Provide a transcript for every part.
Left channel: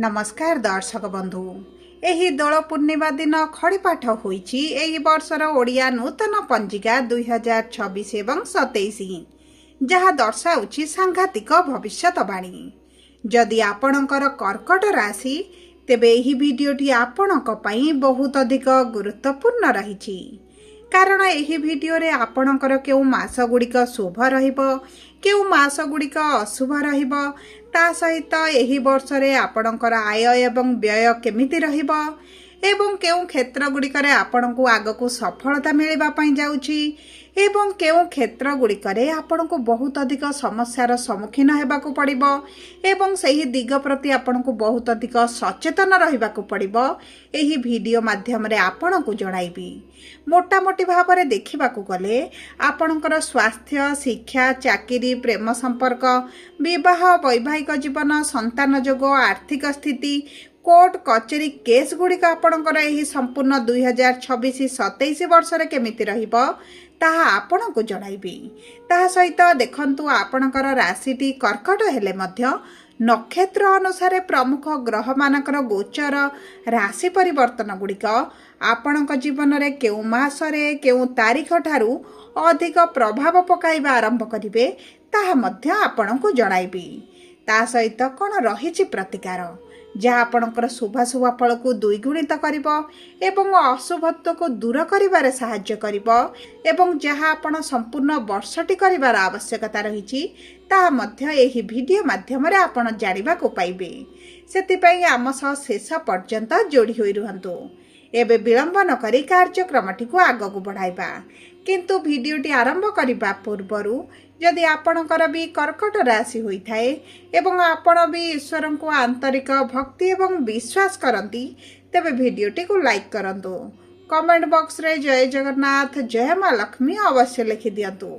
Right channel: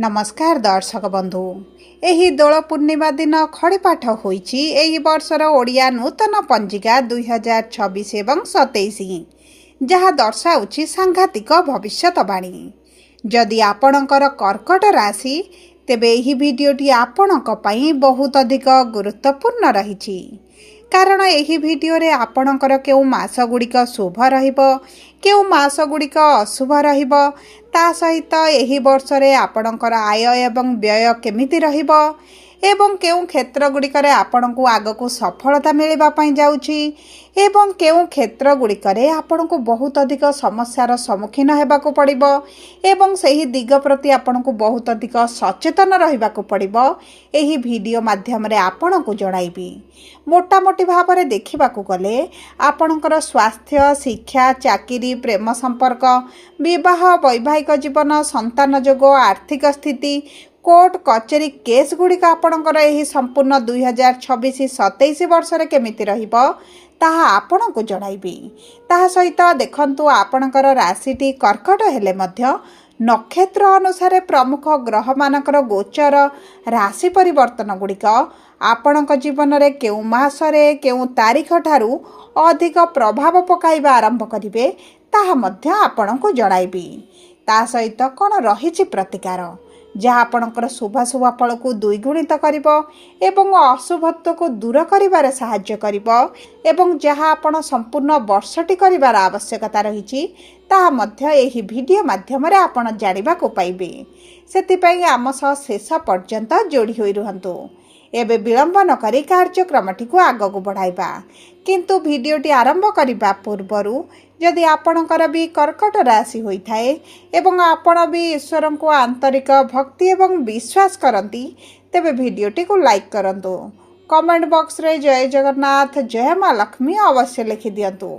नमस्कार दर्शक बंधु। एही दोल पूर्णिमा दिन खड़ीपाठ होईची एही वर्षर ओडिया नूतन पंजिका 2026 एवं 27 जहाँ दर्शाउची सांघातिक भविष्यवाणी। जदि आपणकर कर्कट राशि तेबे एही भिडियोटी आपणक पई बहुत अधिक गुरुत्वपूर्ण रहिछि, कारण एही भिडियो रे आपणकर केउ मास गुड़िक शुभ रहिबो केउ मास गुड़िक अशुभ रहिबो, ता सहित एही वर्ष रे आपणकर आय एवं व्यय केमिति रहिबो एवं केउ क्षेत्र गुड़िकरे आपणको आगको सफलता मिलवा पई जाउची एवं केउ क्षेत्र गुड़िकरे आपणको बहुत अधिक समस्यार सम्मुखीन हेबाको पड़िबो एवं सही दिग प्रति आपणको बहुत अधिक सचेतन रहिबाको पड़िबो। एही वीडियो माध्यम रे आपणको जणाइबी। मोटामोटी भाव में देखा गले आपणकर स्वास्थ्य, शिक्षा, चाकरी, प्रेम संपर्क, विवाह, वैवाहिक जीवन, संतान जोग, आर्थिक स्थिति, कोर्ट कचेरी केस गुड़िक आपणकर एही संपूर्ण 2026-27 वर्ष रे केमिति रहिबो ताहा आपणको जणाइबी। ताहा सहित देखंतु आपणकर राशिटी कर्कट हेले मध्य नक्षत्र अनुसार प्रमुख ग्रह मानकर गोचर राशि परिवर्तन गुड़िक आपणक जीवन रे केउ मासरे केउ तारीख ठारू अधिक प्रभाव पकाइबा आरंभ करिवे ताहा मध्य आपणको जणाइबी। ता सहित कोन रहिछि प्रतिकार जहाँ आपणकर शुभाशुभ फल को द्विगुणित करिबो एवं अशुभत्व को दूर करिबारे सहाय्य करिबो एवं जहाँ आपण संपूर्ण वर्षटी करिबार आवश्यकता रहिछि ताहा मध्य एही वीडियो माध्यम रे आपण जानिबा को पाइबे। सेतिपई आम सह शेष पर्यंत जोड़ी होई रहंतु। एबे विलंब न करी कार्यक्रमटी को आगको बढ़ाइबा, किंतु वीडियोटी आरंभ करिबा पूर्वरु जदि आपणकर भी कर्कट राशि होइथाए एवं आपण भी ईश्वर को आंतरिक भक्ति एवं विश्वास करती तेबे वीडियोटी को लाइक करंतु। कमेंट बॉक्स रे जय जगन्नाथ जय मां लक्ष्मी अवश्य लिखि दियंतु।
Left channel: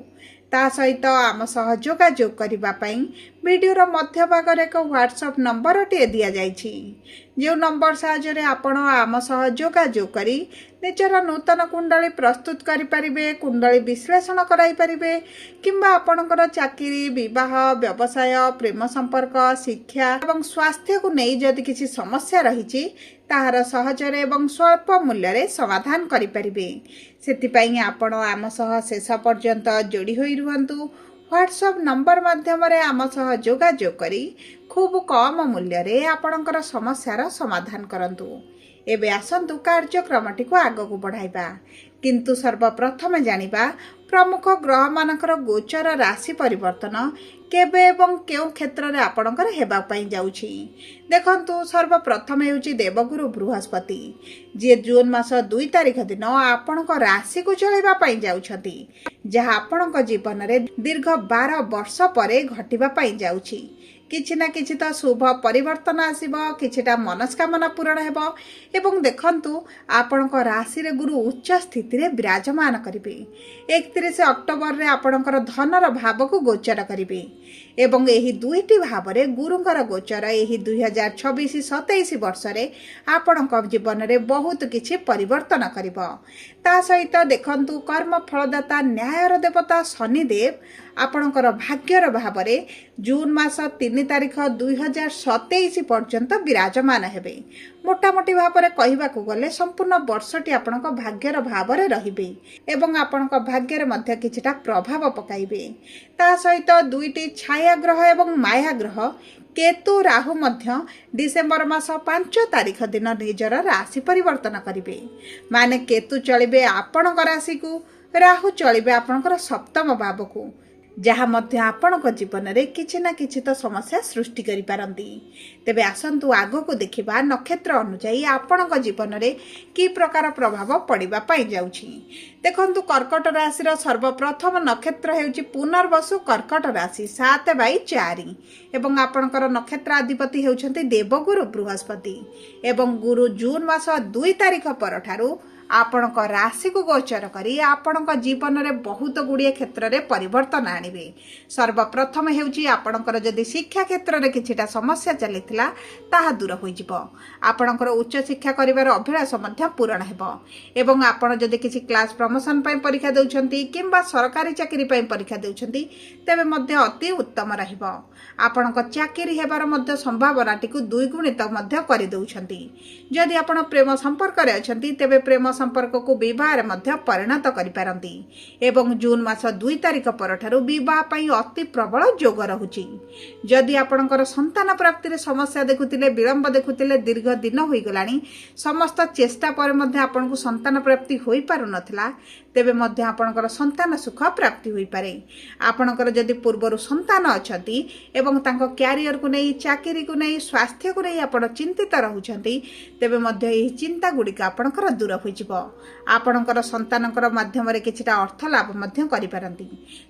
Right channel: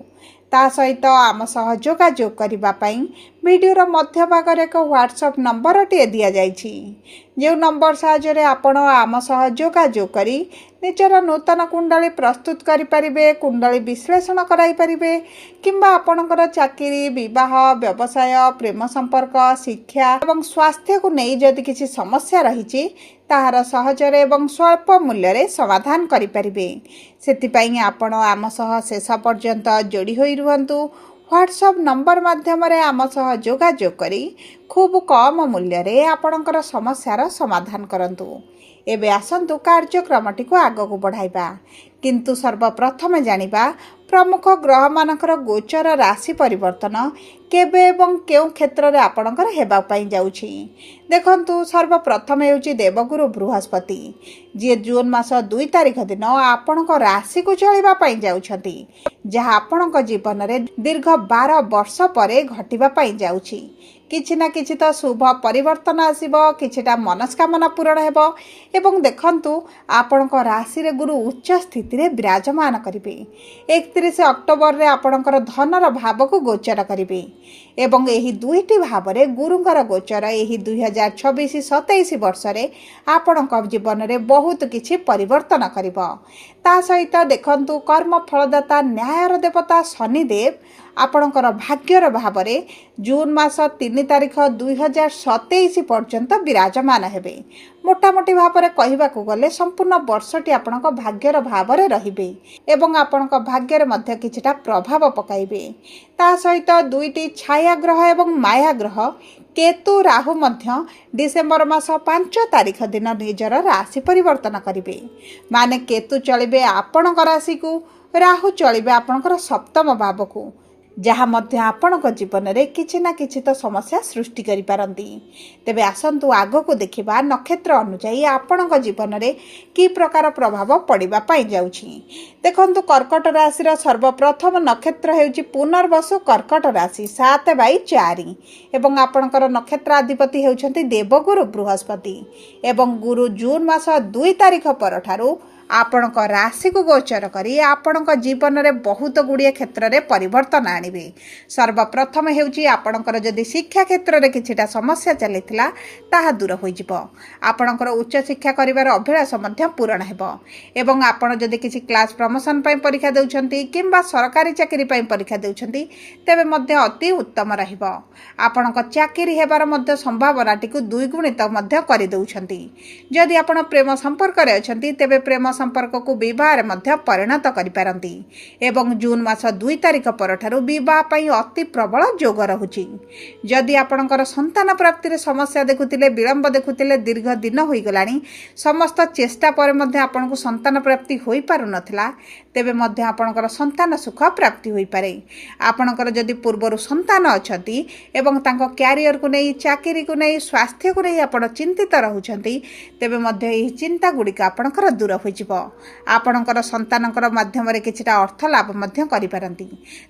ता सहित आम सह जोगाजोग करिबा पई वीडियोर मध्य भाग रे एक व्हाट्सएप नंबर टे दिया जाइछि, जो नंबर साहाय्य रे आपण आम सह जोगाजोग करी निजर नूतन कुंडली प्रस्तुत करि परिबे, कुंडली विश्लेषण कराई परिबे किंबा आपणकर चाकरी, विवाह, व्यवसाय, प्रेम संपर्क, शिक्षा एवं स्वास्थ्य को नहीं जदि किसी समस्या रहिछि ताहार सहजरे एवं स्वल्प मूल्य रे समाधान करि परिबे। सेतिपई आपण आम सह शेष पर्यंत जोड़ी होई रुहंतु। व्हाट्सएप नंबर माध्यम रे आम सह जोगाजोग करी खूब कम मूल्य रे आपणकर समस्यार समाधान करंतु। एबे आसंतु कार्यक्रमटी को आगको बढ़ाइबा, किंतु सर्वप्रथम जानिबा प्रमुख ग्रह मानकर गोचर राशि परिवर्तन केबे एवं केउ क्षेत्र रे आपणकर हेबा पई जाउछि। देखंतु सर्वप्रथम हेउछि देवगुरु बृहस्पति, जे जून मास 2 तारिख दिन आपणक राशि को चलिबा पई जाउछथि, जहा आपणक जीवन रे दीर्घ 12 वर्ष परे घटिबा पई जाउछि। किछि ना किछि तो शुभ परिवर्तन आसीबो, किछिटा मनस्कामना पूरण हेबो एवं देखंतु आपणक राशि रे गुरु उच्च स्थिति रे विराजमान करिवे। 31 अक्टोबर रे आपणकर धनर भाव को गोचर करिवे एवं एही दुईटी भाव रे गुरुंकर गोचर एही 2026-27 वर्ष रे आपणक जीवन रे बहुत किछि परिवर्तन करिवो। ता सहित देखंतु कर्म फलदाता न्यायर देवता शनिदेव आपणकर भाग्यर भाव रे जून मास 3 तारिख 2027 पर्यंत विराजमान हेबे। मोटामोटी भाव में कहबाकू गले संपूर्ण वर्षटी आपणक भाग्यर भाव रे रहिबे एवं आपणक भाग्यर मध्य किछिटा प्रभाव पकाइबे। ता सहित दुईटी छाया ग्रह एवं माया ग्रह केतु राहु मध्य डिसेम्बर मास 5 तारिख दिन निजर राशि परिवर्तन करिवे। माने केतु चलिबे आपणक राशि को, राहु चलिबे आपणकर सप्तम भाव को, जहाँ मध्य आपणक जीवन रे किछि ना किछि तो समस्या सृष्टि करि पारंती। तेबे आसंतु आगको देखिबा नक्षत्र अनुसार आपणक जीवन रे की प्रकार प्रभाव पड़िबा पई जाउछि। देखंतु कर्कट राशि रो सर्वप्रथम नक्षत्र हेउछि पुनर्वसु कर्कट राशि 7/4 एवं आपणकर नक्षत्र अधिपति हेउछंती देवगुरु बृहस्पति एवं गुरु जून मास 2 तारिख परठारु ଆପଣଙ୍କ ରାଶିକୁ ଗୋଚର କରି ଆପଣଙ୍କ ଜୀବନରେ ବହୁତ ଗୁଡ଼ିଏ କ୍ଷେତ୍ରରେ ପରିବର୍ତ୍ତନ ଆଣିବେ। ସର୍ବପ୍ରଥମେ ହେଉଛି ଆପଣଙ୍କର ଯଦି ଶିକ୍ଷା କ୍ଷେତ୍ରରେ କିଛିଟା ସମସ୍ୟା ଚାଲିଥିଲା ତାହା ଦୂର ହୋଇଯିବ। ଆପଣଙ୍କର ଉଚ୍ଚଶିକ୍ଷା କରିବାର ଅଭିଳାଷ ମଧ୍ୟ ପୂରଣ ହେବ ଏବଂ ଆପଣ ଯଦି କିଛି କ୍ଲାସ୍ ପ୍ରମୋସନ୍ ପାଇଁ ପରୀକ୍ଷା ଦେଉଛନ୍ତି କିମ୍ବା ସରକାରୀ ଚାକିରି ପାଇଁ ପରୀକ୍ଷା ଦେଉଛନ୍ତି ତେବେ ମଧ୍ୟ ଅତି ଉତ୍ତମ ରହିବ। ଆପଣଙ୍କ ଚାକିରି ହେବାର ମଧ୍ୟ ସମ୍ଭାବନାଟିକୁ ଦ୍ୱିଗୁଣିତ ମଧ୍ୟ କରିଦେଉଛନ୍ତି। ଯଦି ଆପଣ ପ୍ରେମ ସମ୍ପର୍କରେ ଅଛନ୍ତି ତେବେ ପ୍ରେମ ସମ୍ପର୍କକୁ ବିବାହରେ ମଧ୍ୟ ପରିଣତ କରିପାରନ୍ତି ଏବଂ ଜୁନ୍ ମାସ 2 ତାରିଖ ପରଠାରୁ ବିବାହ ପାଇଁ ଅତି ପ୍ରବଳ ଯୋଗ ରହୁଛି। ଯଦି ଆପଣଙ୍କର ସନ୍ତାନ ପ୍ରାପ୍ତିରେ ସମସ୍ୟା ଦେଖୁଥିଲେ, ବିଳମ୍ବ ଦେଖୁଥିଲେ, ଦୀର୍ଘ ଦିନ ହୋଇଗଲାଣି, ସମସ୍ତ ଚେଷ୍ଟା ପରେ ମଧ୍ୟ ଆପଣଙ୍କୁ ସନ୍ତାନ ପ୍ରାପ୍ତି ହୋଇପାରୁନଥିଲା ତେବେ ମଧ୍ୟ ଆପଣଙ୍କର ସନ୍ତାନ ସୁଖ ପ୍ରାପ୍ତି ହୋଇପାରେ। ଆପଣଙ୍କର ଯଦି ପୂର୍ବରୁ ସନ୍ତାନ ଅଛନ୍ତି ଏବଂ ତାଙ୍କ କ୍ୟାରିୟରକୁ ନେଇ, ଚାକିରିକୁ ନେଇ, ସ୍ୱାସ୍ଥ୍ୟକୁ ନେଇ ଆପଣ ଚିନ୍ତିତ ରହୁଛନ୍ତି ତେବେ ମଧ୍ୟ ଏହି ଚିନ୍ତା ଗୁଡ଼ିକ ଆପଣଙ୍କର ଦୂର ହୋଇଯିବ। ଆପଣଙ୍କର ସନ୍ତାନଙ୍କର ମାଧ୍ୟମରେ କିଛିଟା ଅର୍ଥ ଲାଭ ମଧ୍ୟ କରିପାରନ୍ତି।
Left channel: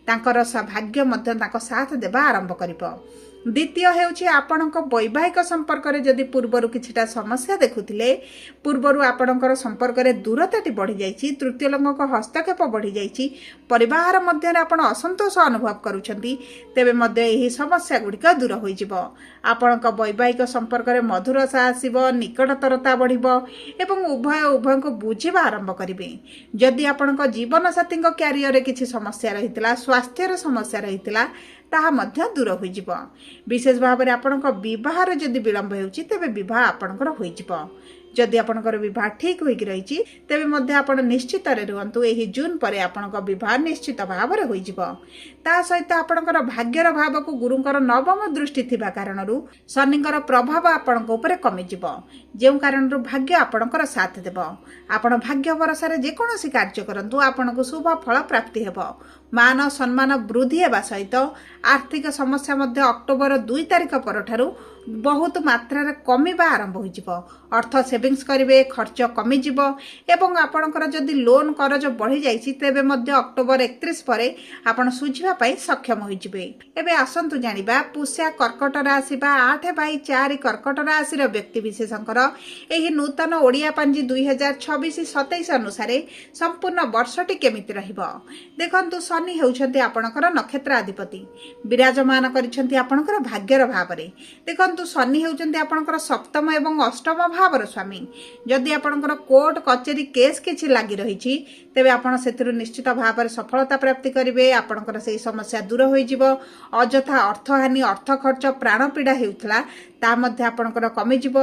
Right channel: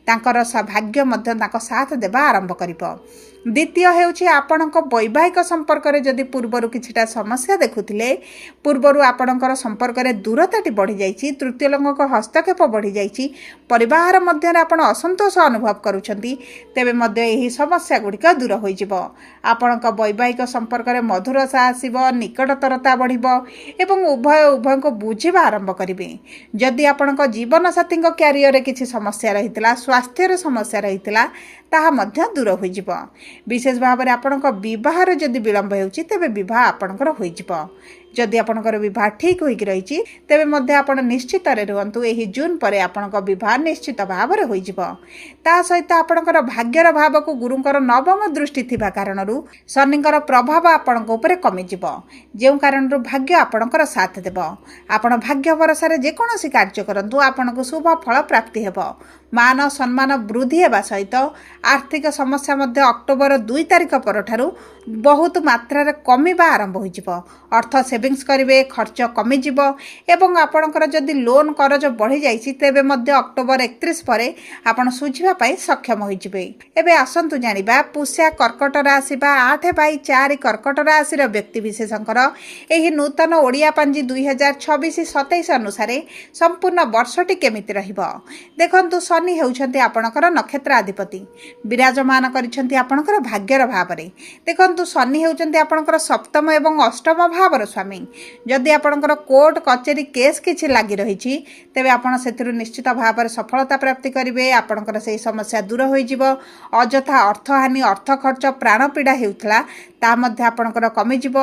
ତାଙ୍କର ଭାଗ୍ୟ ମଧ୍ୟ ତାଙ୍କ ସାଥ ଦେବା ଆରମ୍ଭ କରିବ। ଦ୍ୱିତୀୟ ହେଉଛି ଆପଣଙ୍କ ବୈବାହିକ ସମ୍ପର୍କରେ ଯଦି ପୂର୍ବରୁ କିଛିଟା ସମସ୍ୟା ଦେଖୁଥିଲେ, ପୂର୍ବରୁ ଆପଣଙ୍କର ସମ୍ପର୍କରେ ଦୂରତାଟି ବଢ଼ିଯାଇଛି, ତୃତୀୟ ଲୋକଙ୍କ ହସ୍ତକ୍ଷେପ ବଢ଼ିଯାଇଛି, ପରିବାର ମଧ୍ୟରେ ଆପଣ ଅସନ୍ତୋଷ ଅନୁଭବ କରୁଛନ୍ତି ତେବେ ମଧ୍ୟ ଏହି ସମସ୍ୟା ଗୁଡ଼ିକ ଦୂର ହୋଇଯିବ। ଆପଣଙ୍କ ବୈବାହିକ ସମ୍ପର୍କରେ ମଧୁରତା ଆସିବ, ନିକଟତରତା ବଢ଼ିବ ଏବଂ ଉଭୟଙ୍କୁ ବୁଝିବା ଆରମ୍ଭ କରିବେ। ଯଦି ଆପଣଙ୍କ ଜୀବନସାଥୀଙ୍କ କ୍ୟାରିୟରରେ କିଛି ସମସ୍ୟା ରହିଥିଲା, ସ୍ୱାସ୍ଥ୍ୟରେ ସମସ୍ୟା ରହିଥିଲା ତାହା ମଧ୍ୟ ଦୂର ହୋଇଯିବ। ବିଶେଷ ଭାବରେ ଆପଣଙ୍କ ବିବାହରେ ଯଦି ବିଳମ୍ବ ହେଉଛି ତେବେ ବିବାହ ଆପଣଙ୍କର ହୋଇଯିବ। ଯଦି ଆପଣଙ୍କର ବିବାହ ଠିକ୍ ହୋଇକି ରହିଛି ତେବେ ମଧ୍ୟ ଆପଣ ନିଶ୍ଚିତରେ ରୁହନ୍ତୁ, ଏହି ଜୁନ୍ ପରେ ଆପଣଙ୍କ ବିବାହ ନିଶ୍ଚିତ ଭାବରେ ହୋଇଯିବ। ତା ସହିତ ଆପଣଙ୍କର ଭାଗ୍ୟର ଭାବକୁ ଗୁରୁଙ୍କର ନବମ ଦୃଷ୍ଟି ଥିବା କାରଣରୁ ଶନିଙ୍କର ପ୍ରଭାବ ଆପଣଙ୍କ ଉପରେ କମିଯିବ, ଯେଉଁ କାରଣରୁ ଭାଗ୍ୟ ଆପଣଙ୍କର ସାଥ ଦେବ। ଆପଣ ଭାଗ୍ୟ ଭରସାରେ ଯେକୌଣସି କାର୍ଯ୍ୟ କରନ୍ତୁ ଆପଣଙ୍କୁ ଶୁଭ ଫଳ ପ୍ରାପ୍ତି ହେବ। ମାନ ସମ୍ମାନ ବୃଦ୍ଧି ହେବା ସହିତ ଆର୍ଥିକ ସମସ୍ୟା ମଧ୍ୟ ଅକ୍ଟୋବର 2 ତାରିଖ ପରଠାରୁ ବହୁତ ମାତ୍ରାରେ କମିବା ଆରମ୍ଭ ହୋଇଯିବ। ଅର୍ଥ ସେଭିଂସ୍ କରିବେ, ଖର୍ଚ୍ଚ କମିଯିବ ଏବଂ ଆପଣଙ୍କର ଯଦି ଲୋନ୍ କରଜ ବଢ଼ିଯାଇଛି ତେବେ ମଧ୍ୟ ଅକ୍ଟୋବର 31 ପରେ ଆପଣ ଶୁଝିବା ପାଇଁ ସକ୍ଷମ ହୋଇଯିବେ। ଏବେ ଆସନ୍ତୁ ଜାଣିବା ପୁଷ୍ୟା କର୍କଟ ରାଶି ବା 8/4 କର୍କଟ ରାଶିର ବ୍ୟକ୍ତିବିଶେଷଙ୍କର ଏହି ନୂତନ ଓଡ଼ିଆ ପାଞ୍ଜି 2026-27 ଅନୁସାରେ ସମ୍ପୂର୍ଣ୍ଣ ବର୍ଷଟି କେମିତି ରହିବ। ଦେଖନ୍ତୁ, ଶନି ହେଉଛନ୍ତି ଆପଣଙ୍କର ନକ୍ଷତ୍ରାଧିପତି, ବିରାଜମାନ କରିଛନ୍ତି ଆପଣଙ୍କର ଭାଗ୍ୟର ଭାବରେ। ଦେଖନ୍ତୁ, ଶନି ହେଉଛନ୍ତି ଆପଣଙ୍କର ସପ୍ତମ ଏବଂ ଅଷ୍ଟମ ଭାବର ସ୍ୱାମୀ। ଯଦି ଆପଣଙ୍କର କୋର୍ଟ କଚେରୀ କେସ୍ କିଛି ଲାଗି ରହିଛି ତେବେ ଆପଣ ସେଥିରୁ ନିଶ୍ଚିତ ଭାବରେ ସଫଳତା ପ୍ରାପ୍ତି କରିବେ। ଆପଣଙ୍କର ସେହି ସମସ୍ୟା ଦୂର ହୋଇଯିବ। ଅଯଥା ଅର୍ଥହାନି, ଅର୍ଥ ଖର୍ଚ୍ଚ, ପ୍ରାଣପୀଡ଼ା ହେଉଥିଲା ତାହା ମଧ୍ୟ ଆପଣଙ୍କର କମିଯିବ।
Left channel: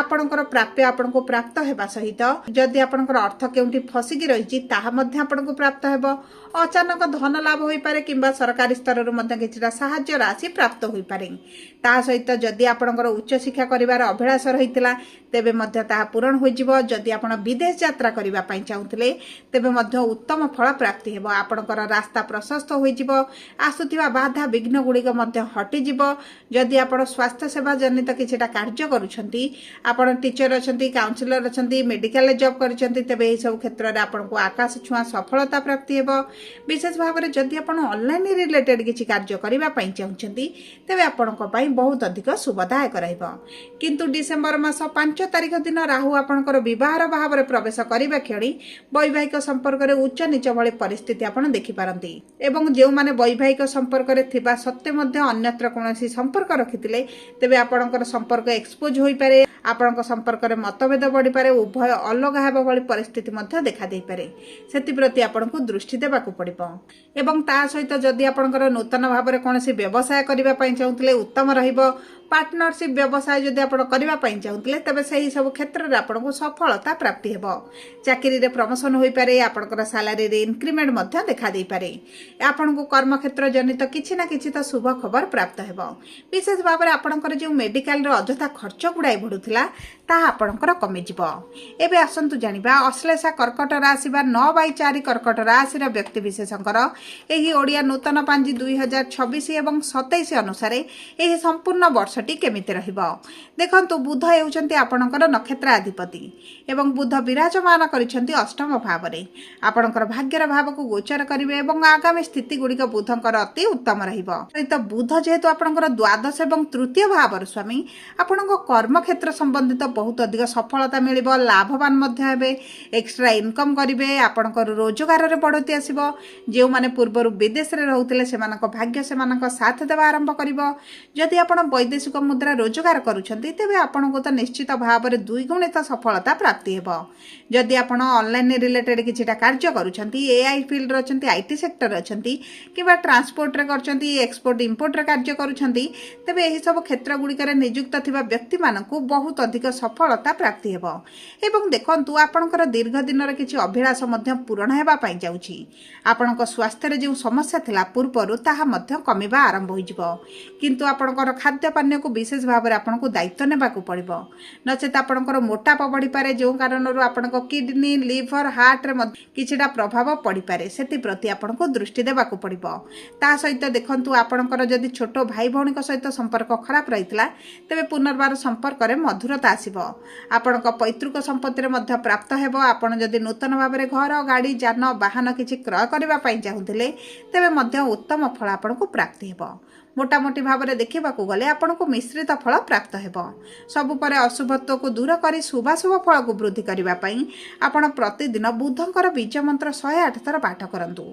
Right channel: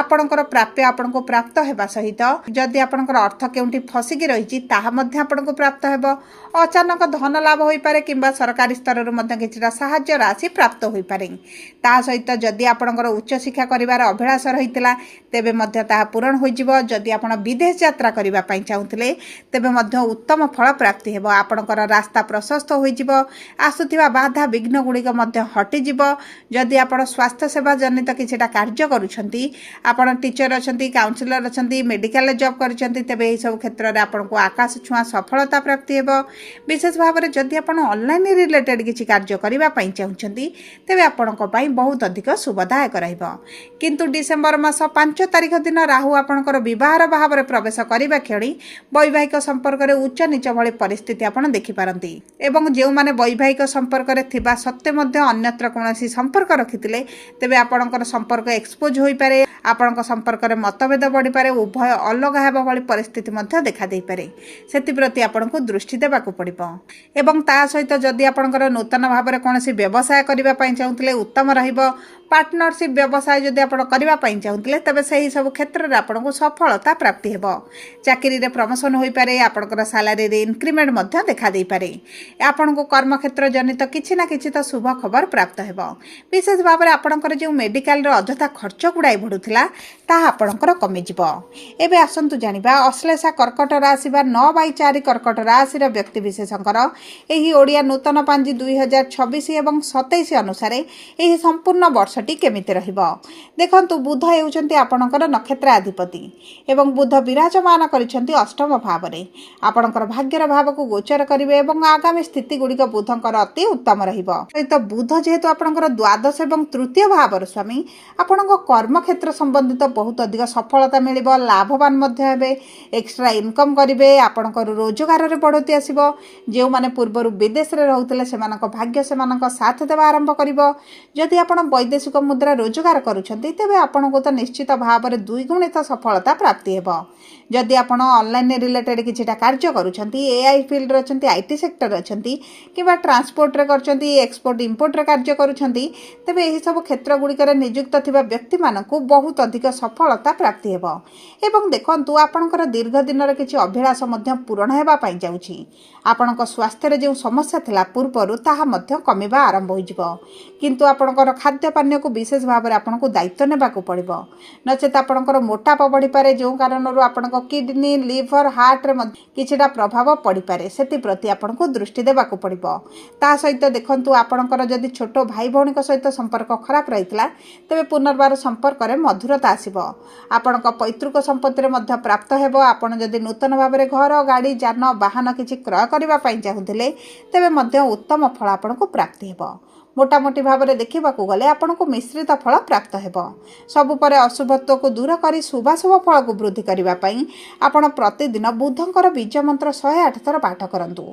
ଆପଣଙ୍କର ପ୍ରାପ୍ୟ ଆପଣଙ୍କୁ ପ୍ରାପ୍ତ ହେବା ସହିତ ଯଦି ଆପଣଙ୍କର ଅର୍ଥ କେଉଁଠି ଫସିକି ରହିଛି ତାହା ମଧ୍ୟ ଆପଣଙ୍କୁ ପ୍ରାପ୍ତ ହେବ। ଅଚାନକ ଧନ ଲାଭ ହୋଇପାରେ କିମ୍ବା ସରକାରୀ ସ୍ତରରୁ ମଧ୍ୟ କିଛିଟା ସାହାଯ୍ୟ ରାଶି ପ୍ରାପ୍ତ ହୋଇପାରେ। ତା ସହିତ ଯଦି ଆପଣଙ୍କର ଉଚ୍ଚଶିକ୍ଷା କରିବାର ଅଭିଳାଷ ରହିଥିଲା ତେବେ ମଧ୍ୟ ତାହା ପୂରଣ ହୋଇଯିବ। ଯଦି ଆପଣ ବିଦେଶ ଯାତ୍ରା କରିବା ପାଇଁ ଚାହୁଁଥିଲେ ତେବେ ମଧ୍ୟ ଉତ୍ତମ ଫଳ ପ୍ରାପ୍ତି ହେବ। ଆପଣଙ୍କର ରାସ୍ତା ପ୍ରଶସ୍ତ ହୋଇଯିବ। ଆସୁଥିବା ବାଧା ବିଘ୍ନ ଗୁଡ଼ିକ ମଧ୍ୟ ହଟିଯିବ। ଯଦି ଆପଣ ସ୍ୱାସ୍ଥ୍ୟ ସେବା ଜନିତ କିଛିଟା କାର୍ଯ୍ୟ କରୁଛନ୍ତି, ଆପଣ ଟିଚର ଅଛନ୍ତି, କାଉନ୍ସିଲର ଅଛନ୍ତି, ମେଡ଼ିକାଲରେ ଜବ୍ କରିଛନ୍ତି ତେବେ ଏହିସବୁ କ୍ଷେତ୍ରରେ ଆପଣଙ୍କୁ ଆକାଶ ଛୁଆଁ ସଫଳତା ପ୍ରାପ୍ତି ହେବ। ବିଶେଷ ଭାବରେ ଯଦି ଆପଣ ଅନଲାଇନ୍ ରିଲେଟେଡ୍ କିଛି କାର୍ଯ୍ୟ କରିବା ପାଇଁ ଚାହୁଁଛନ୍ତି ତେବେ ଆପଣଙ୍କ ପାଇଁ ବହୁତ ଅଧିକ ଶୁଭଦାୟକ ରହିବ। କିନ୍ତୁ ଡିସେମ୍ବର ମାସ 5 ତାରିଖ ଦିନ ରାହୁ ଆପଣଙ୍କର ବିବାହର ଭାବରେ ପ୍ରବେଶ କରିବା କ୍ଷଣି ବୈବାହିକ ସମ୍ପର୍କରେ ଉଚ୍ଚ ନିଚ ଭଳି ପରିସ୍ଥିତି ଆପଣ ଦେଖିପାରନ୍ତି ଏବଂ ଯେଉଁମାନେ ବୈବାହିକ ସମ୍ପର୍କରେ ଥିବା ସତ୍ତ୍ୱେ ମଧ୍ୟ ଅନ୍ୟତ୍ର କୌଣସି ସମ୍ପର୍କ ରଖିଥିଲେ ତେବେ ଆପଣଙ୍କର ସମ୍ପର୍କ ଏକ୍ସପୋଜ ହୋଇପାରେ। ଆପଣଙ୍କ ସମ୍ପର୍କରେ ମତଭେଦ ବଢ଼ିପାରେ, ଉଭୟ ଅଲଗା ହେବା ଭଳି ପରିସ୍ଥିତି ମଧ୍ୟ ଦେଖାଦେଇପାରେ। ସେଥିପ୍ରତି ଆପଣଙ୍କୁ ଦୃଷ୍ଟି ଦେବାକୁ ପଡ଼ିବ ଏବଂ ତା ସହିତ ଯଦି ଆପଣଙ୍କର ନୂତନ ଭାବରେ କୌଣସି ବ୍ୟବସାୟ କରିବା ପାଇଁ ଚାହୁଁଥିଲେ ଉତ୍ତମ ରହିବ। ପାର୍ଟନରସିପ୍ ବ୍ୟବସାୟ ଯଦି ଆପଣ କରିବା ପାଇଁ ଚାହୁଁଥିଲେ ତେବେ ସେହି ସବୁ କ୍ଷେତ୍ରରେ ଆପଣଙ୍କୁ ସଫଳତା ପ୍ରାପ୍ତି ହେବ। ଚାକିରିରେ ପ୍ରମୋସନ୍ ହୋଇପାରେ, ଆପଣଙ୍କର ସାଲାରୀରେ ଇନକ୍ରିମେଣ୍ଟ ମଧ୍ୟ ଦେଖାଦେଇପାରେ। ଆପଣଙ୍କୁ କର୍ମକ୍ଷେତ୍ର ଜନିତ କିଛି ନା କିଛି ତ ଶୁଭ ଖବର ପ୍ରାପ୍ତ ହେବ। ବିଶେଷ ଭାବରେ ଆପଣଙ୍କର ଯେଉଁ ମେଡ଼ିକାଲରେ ଅଯଥା ଖର୍ଚ୍ଚ ଗୁଡ଼ାଏ ବଢ଼ୁଥିଲା ତାହା ଆପଣଙ୍କର କମିଯିବ। ଏବେ ଆସନ୍ତୁ ଜାଣିବା ଅଶ୍ଳେଷା କର୍କଟ ରାଶି ବା 9/4 କର୍କଟ ରାଶିର ବ୍ୟକ୍ତିବିଶେଷଙ୍କର ଏହି ଓଡ଼ିଆ ନୂତନ ପାଞ୍ଜି 2026 ଏବଂ 27 ଅନୁସାରେ ଏହି ସମ୍ପୂର୍ଣ୍ଣ ବର୍ଷ ବର୍षटी କେମିତି ରହିବ। ଦେଖନ୍ତୁ, ବୁଧ ହେଉଛନ୍ତି ଆପଣଙ୍କର ନକ୍ଷତ୍ର ଅଧିପତି ଏବଂ ବୁଧ ବିରାଜମାନ କରିଛନ୍ତି ଅଷ୍ଟମ ଭାବରେ। ଆପଣଙ୍କର ଭାଗ୍ୟର ଭାବକୁ ଗୋଚର କରିବେ ଏବଂ ଆଗାମୀ ସ୍ଥିତି ଗୁଡ଼ିକ ବୁଧଙ୍କର ଅତି ଉତ୍ତମ ରହିବ। ସହିତ ବୁଧ ଯେହେତୁ ଆପଣଙ୍କର ଦ୍ୱାଦଶ ଏବଂ ତୃତୀୟ ଭାବର ସ୍ୱାମୀ, ଆପଣଙ୍କ କର୍ମକ୍ଷେତ୍ର ସମ୍ବନ୍ଧିତ ବହୁତ ଅଧିକ ସଫଳତା ମିଳିବ, ଲାଭବାନ ମଧ୍ୟ ହେବେ, ଏକ୍ସଟ୍ରା ଇନକମ୍ କରିବେ, ଆପଣଙ୍କର ରୋଜଗାରରେ ବଢ଼ତି ଆସିବ। ଯେଉଁମାନେ ପୂର୍ବରୁ ବିଦେଶରେ ରହୁଥିଲେ ସେମାନଙ୍କ ଭାଗ୍ୟ ସେମାନଙ୍କ ସାଥ ଦେବା ଆରମ୍ଭ କରିବ। ଯଦି ଆପଣ ବୈଦେଶିକ ମୁଦ୍ରା ରୋଜଗାର କରୁଛନ୍ତି ତେବେ ଆପଣଙ୍କୁ ତ ନିଶ୍ଚିତ ଭାବରେ ଦ୍ୱିଗୁଣିତ ସଫଳତା ପ୍ରାପ୍ତି ହେବ। ଯଦି ଆପଣ ଅନଲାଇନ୍ ରିଲେଟେଡ୍ କିଛିଟା କାର୍ଯ୍ୟ କରୁଛନ୍ତି, ଏଆଇ ଫିଲ୍ଡରେ ଅଛନ୍ତି, ଆଇଟି ସେକ୍ଟର ଅଛନ୍ତି କିମ୍ବା ଟ୍ରାନ୍ସପୋର୍ଟରେ କରୁଛନ୍ତି, ଏକ୍ସପୋର୍ଟ ଇମ୍ପୋର୍ଟରେ କାର୍ଯ୍ୟ କରୁଛନ୍ତି, ତେବେ ଏହିସବୁ କ୍ଷେତ୍ର ଗୁଡ଼ିକରେ ନିଯୁକ୍ତ ଥିବା ବ୍ୟକ୍ତିମାନଙ୍କୁ ବହୁତ ଅଧିକ ସଫଳତା ପ୍ରାପ୍ତି ହେବ। ଏବଂ ଦେଖନ୍ତୁ, ଆପଣଙ୍କର ଦୀର୍ଘ ଦିନର କିଛି ଅଭିଳାଷ ମଧ୍ୟ ପୂରଣ ହେବା ପାଇଁ ଯାଉଛି। ଆପଣଙ୍କ ସ୍ୱାସ୍ଥ୍ୟରେ ଯେଉଁ ସମସ୍ୟା ଥିଲା ପୂର୍ବରୁ ତାହା ମଧ୍ୟ କମିବା ଆରମ୍ଭ ହୋଇଯିବ। କିନ୍ତୁ ଆପଣଙ୍କର ଖାଦ୍ୟପାନୀୟକୁ ବିଶେଷ ଭାବରେ ଆପଣଙ୍କୁ ଦାୟିତ୍ୱ ନେବାକୁ ପଡ଼ିବ, ନଚେତ ଆପଣଙ୍କର ମୋଟାପା ବଢ଼ିପାରେ, ଯେଉଁ କାରଣରୁ ଆପଣଙ୍କ କିଡନୀ, ଲିଭର, ହାର୍ଟରେ ମଧ୍ୟ କିଛିଟା ପ୍ରଭାବ ପଡ଼ିପାରେ। ସେଥିପ୍ରତି ଆପଣଙ୍କୁ ଦୃଷ୍ଟି ଦେବାକୁ ପଡ଼ିବ। ତା ସହିତ ଦେଖନ୍ତୁ, ଆପଣଙ୍କର ଯଦି ଛୋଟ ଭାଇ ଭଉଣୀଙ୍କ ସହିତ ସମ୍ପର୍କ ଖରାପ ରହିଥିଲା ତେବେ ପୁନର୍ବାର ସମ୍ପର୍କରେ ମଧୁରତା ଆସିବ। ଆପଣଙ୍କ ପୈତୃକ ସମ୍ପତ୍ତିରେ ମଧ୍ୟ ପ୍ରାପ୍ତ ହେବ। ଆପଣ ଯଦି ନୂତନ ଭାବରେ ଘର, ଗାଡ଼ି, ଯାନ, ବାହନ କିଛି କ୍ରୟ କରିବା ପାଇଁ ଚାହୁଁଥିଲେ ତେବେ ମଧ୍ୟ ଉତ୍ତମ ଫଳ ଆପଣଙ୍କୁ ପ୍ରାପ୍ତି ହେବ। ମୋଟାମୋଟି ଭାବରେ ଦେଖିବାକୁ ଗଲେ ଆପଣଙ୍କୁ ମିଶ୍ରିତ ଫଳ ପ୍ରାପ୍ତ ହେବ। ସବୁ ପରେ ଅଶୁଭତ୍ୱକୁ ଦୂର କରି ଶୁଭାଶୁଭ ଫଳକୁ ବୃଦ୍ଧି କରିବା ପାଇଁ ଆପଣ ପ୍ରତିଦିନ ବୁଧଙ୍କର ବୀଜ ମନ୍ତ୍ର 108 ଥର ପାଠ କରନ୍ତୁ।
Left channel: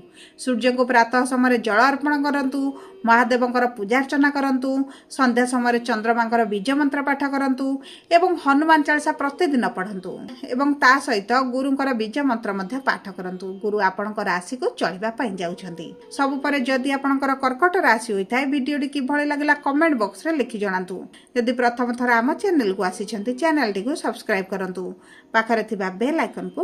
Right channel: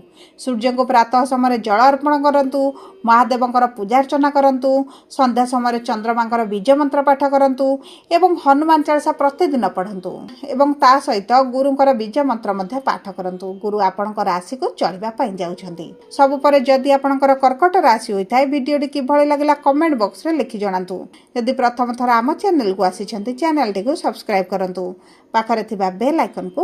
ସୂର୍ଯ୍ୟଙ୍କୁ ପ୍ରାତଃ ସମୟରେ ଜଳ ଅର୍ପଣ କରନ୍ତୁ, ମହାଦେବଙ୍କର ପୂଜାର୍ଚ୍ଚନା କରନ୍ତୁ, ସନ୍ଧ୍ୟା ସମୟରେ ଚନ୍ଦ୍ରମାଙ୍କର ବୀଜ ମନ୍ତ୍ର ପାଠ କରନ୍ତୁ ଏବଂ ହନୁମାନ ଚାଳିସା ପ୍ରତିଦିନ ପଢ଼ନ୍ତୁ ଏବଂ ତା ସହିତ ଗୁରୁଙ୍କର ବୀଜ ମନ୍ତ୍ର ମଧ୍ୟ ପାଠ କରନ୍ତୁ। ଗୁରୁ ଆପଣଙ୍କ ରାଶିକୁ ଚଳିବା ପାଇଁ ଯାଉଛନ୍ତି। ସବୁ ପରେ ଯଦି ଆପଣଙ୍କର କର୍କଟ ରାଶି ହୋଇଥାଏ, ଭିଡ଼ିଓଟି କିଭଳି ଲାଗିଲା କମେଣ୍ଟ ବକ୍ସରେ ଲେଖି ଜଣାନ୍ତୁ। ଯଦି ପ୍ରଥମ ଥର ଆମ ଚ୍ୟାନେଲକୁ ଆସିଛନ୍ତି, ଚ୍ୟାନେଲଟିକୁ ସବସ୍କ୍ରାଇବ୍ କରନ୍ତୁ। ପାଖରେ ଥିବା ବେଲ୍ ଆଇକନକୁ